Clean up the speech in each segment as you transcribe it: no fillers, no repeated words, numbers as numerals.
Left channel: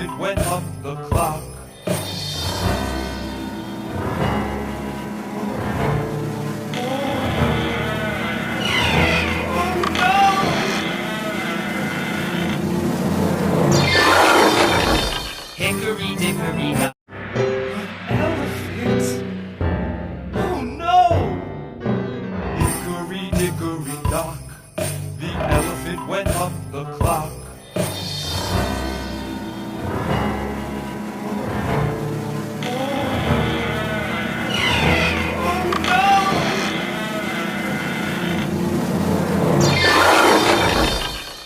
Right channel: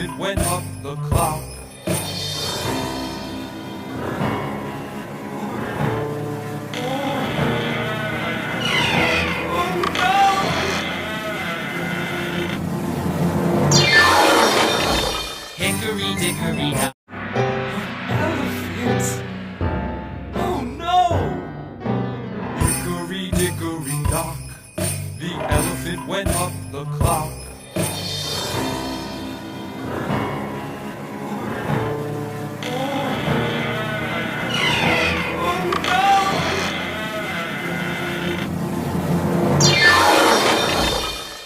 elephant went up the clock. Hickory dickory dock. Elephant? Oh no! Hickory dickory dock. The elephant went up the clock.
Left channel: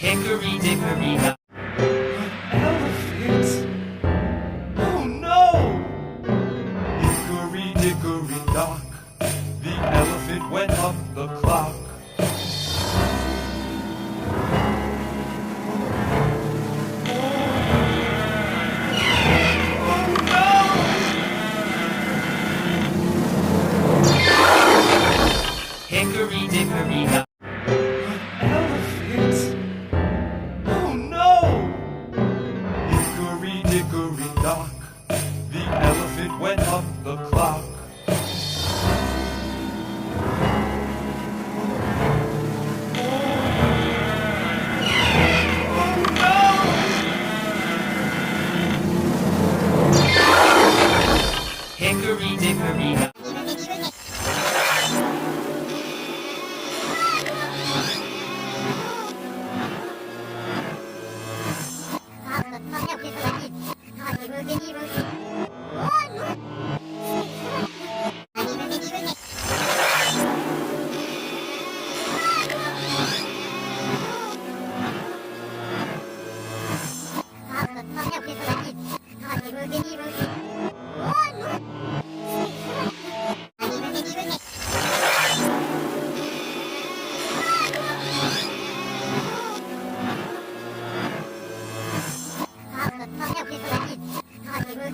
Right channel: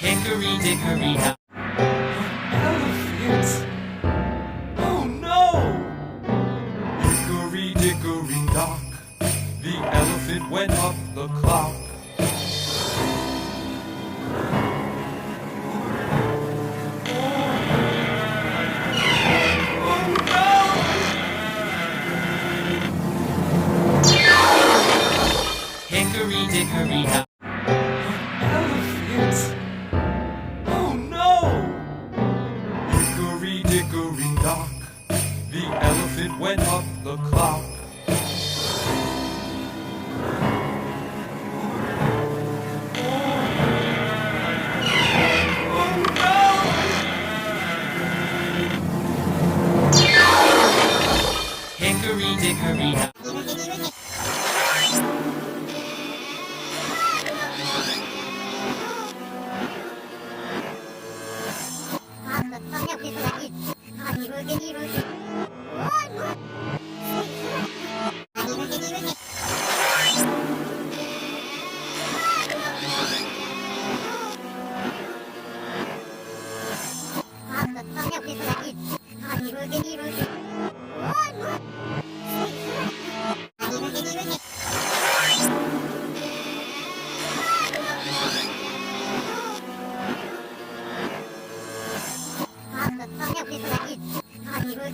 Hickory dickory dock. Elephant? Oh no! Hickory dickory dock. The elephant went up the clock. Hickory dickory dock. Elephant? Oh no! Hickory dickory dock. The elephant went up the clock. Hickory dickory dock. Hãy subscribe cho kênh Ghiền Mì Gõ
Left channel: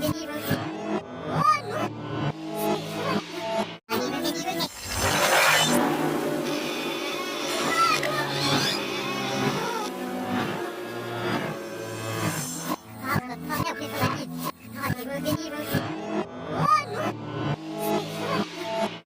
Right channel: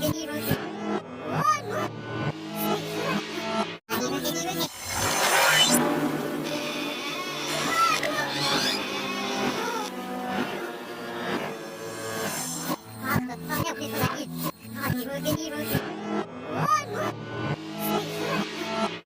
để không bỏ lỡ